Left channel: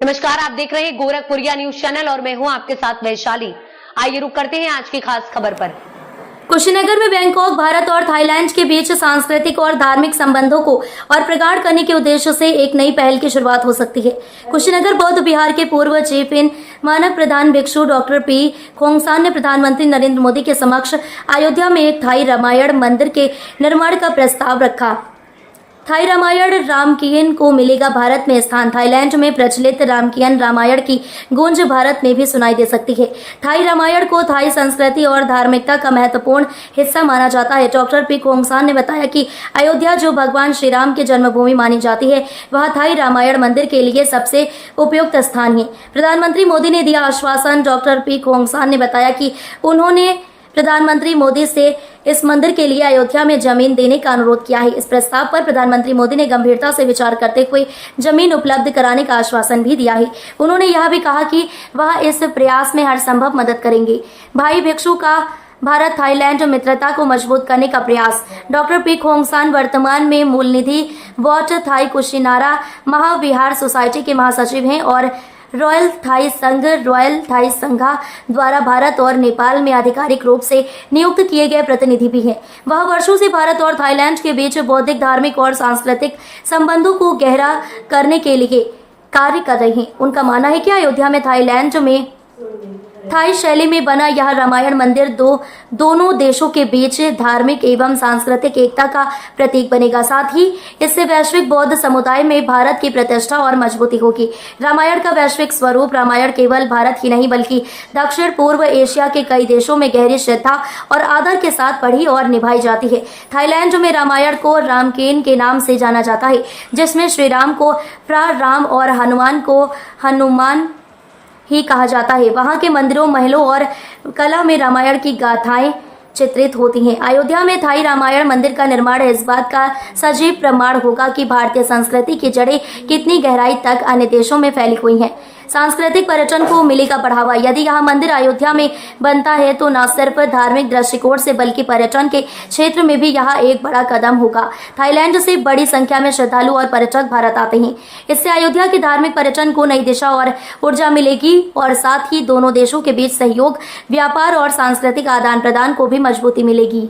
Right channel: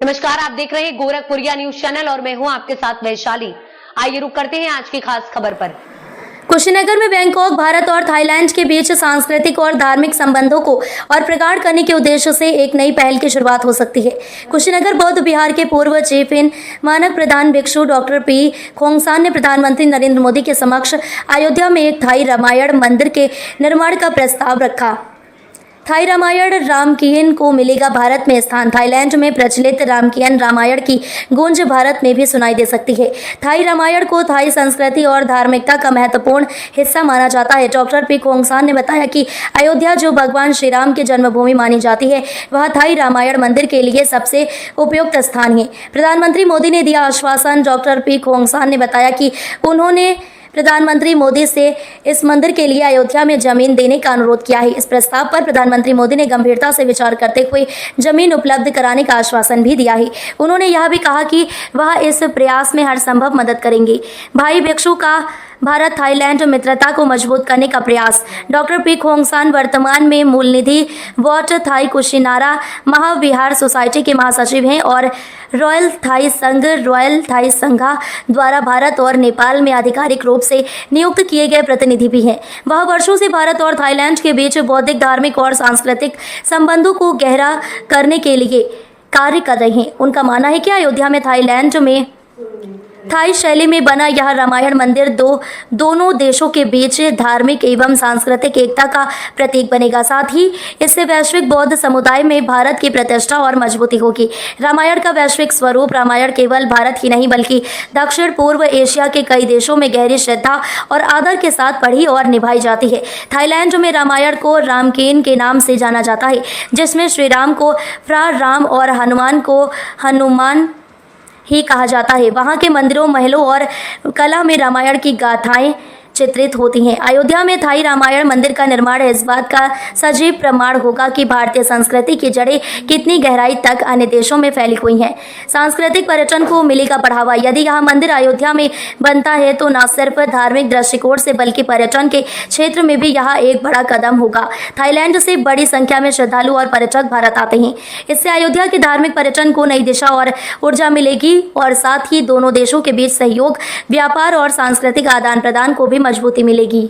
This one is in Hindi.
नमस्कार, आप देख रहे हैं गोरखपुरिया न्यूज चैनल और मैं हूं आपके साथ वैशाली। आइए रुक करते हैं आज की खास खबर पर। कुशीनगर में बैंकॉक भारत और थाईलैंड के बीच सांस्कृतिक और धार्मिक संबंधों को और प्रगाढ़ करने के उद्देश्य से एक नई पहल की शुरुआत हो सकती है। कुशीनगर बौद्ध विहार के पूर्व चीफ इन मानक प्रधान भिक्षु डॉक्टर पी खोंगसान ने प्रधानमंत्री नरेंद्र मोदी के समक्ष अयोध्या में एक थाई रामायण मंदिर के निर्माण का प्रस्ताव रखा। थाई रामायण रामकीयन को मिलेगा भारत में स्थान। थाईलैंड में प्रचलित रामकीयन रामायण की गूंज भारत में भी सुनाई दे सकती है। थाई रामायण को थाई संस्कृति और धार्मिकता का महत्वपूर्ण हिस्सा माना जाता है। डॉक्टर पी खोंगसान ने बताया कि अयोध्या जो भगवान श्री राम की जन्मभूमि मानी जाती है, वह थाई रामायण मंदिर के लिए सबसे उपयुक्त स्थान है। प्रधानमंत्री मोदी ने दिया आश्वासन। डॉक्टर पी खोंगसान ने बताया कि उन्होंने प्रधानमंत्री मोदी से इस मंदिर के लिए अयोध्या में जमीन देने का अनुरोध किया है। इस प्रस्ताव पर प्रधानमंत्री मोदी ने गंभीरता से विचार करते हुए जमीन उपलब्ध कराने का आश्वासन भी दिया है। उन्होंने यह भी कहा कि वह इस प्रयास में हर संभव मदद करेंगे। भाई भिक्षु का भारत थाईलैंड मित्रता को मजबूत करने का प्रयास। डॉक्टर पी खोंगसान वर्तमान में मूल निधि Wat Thai Kushinara Mahavihara society के महासचिव हैं और रॉयल थाई संघा द्वारा भारत और नेपाल में आधिकारिक रूप से नियुक्त किए गए प्रतिनिधि भी हैं। वह वर्षों से भारत और थाईलैंड के बीच बौद्धिक, धार्मिक और सांस्कृतिक संबंधों को गहरा करने के लिए कार्य कर रहे हैं। उनका मानना है कि अयोध्या में थाईलैंड में थाई शैली में बना यह रामायण मंदिर दोनों देशों के बीच धार्मिक एवं सांस्कृतिक एकता का प्रतीक बनेगा। साथ ही इससे वैश्विक बौद्ध समुदाय में भारत की प्रतिष्ठा और मजबूती होगी। रामायण का वैश्विक स्वरूप। रामायण केवल भारत ही नहीं बल्कि दक्षिण पूर्व एशिया के कई देशों में गहरी श्रद्धा और आदर के साथ पढ़ी और निभाई जाती है। थाईलैंड में रामायण को रामकेन के नाम से जाना जाता है, जिसमें श्री राम को फ्रा राम और हनुमान को हनुमान ही कहा जाता है। वहाँ के मंदिरों, महलों और कला में रामायण की गाथाएं चित्रित होती हैं। अयोध्या में थाई रामायण मंदिर का निर्माण इस बात का सजीव प्रमाण होगा कि भारतीय संस्कृति की जड़ें कितनी गहराई तक अन्य देशों में फैली हुई हैं। सांस्कृतिक पर्यटन को मिलेगा बढ़ावा। यदि यह मंदिर अयोध्या में बनता है तो न सिर्फ धार्मिक दृष्टिकोण से बल्कि पर्यटन के क्षेत्र में भी यह एक बड़ा कदम होगा। थाईलैंड से बड़ी संख्या में श्रद्धालु और पर्यटक भारत आते हैं। इससे अयोध्या के धार्मिक पर्यटन को नई दिशा और ऊर्जा मिलेगी और साथ ही दोनों देशों के बीच सहयोग, व्यापार और सांस्कृतिक आदान प्रदान को भी मजबूती मिलेगी।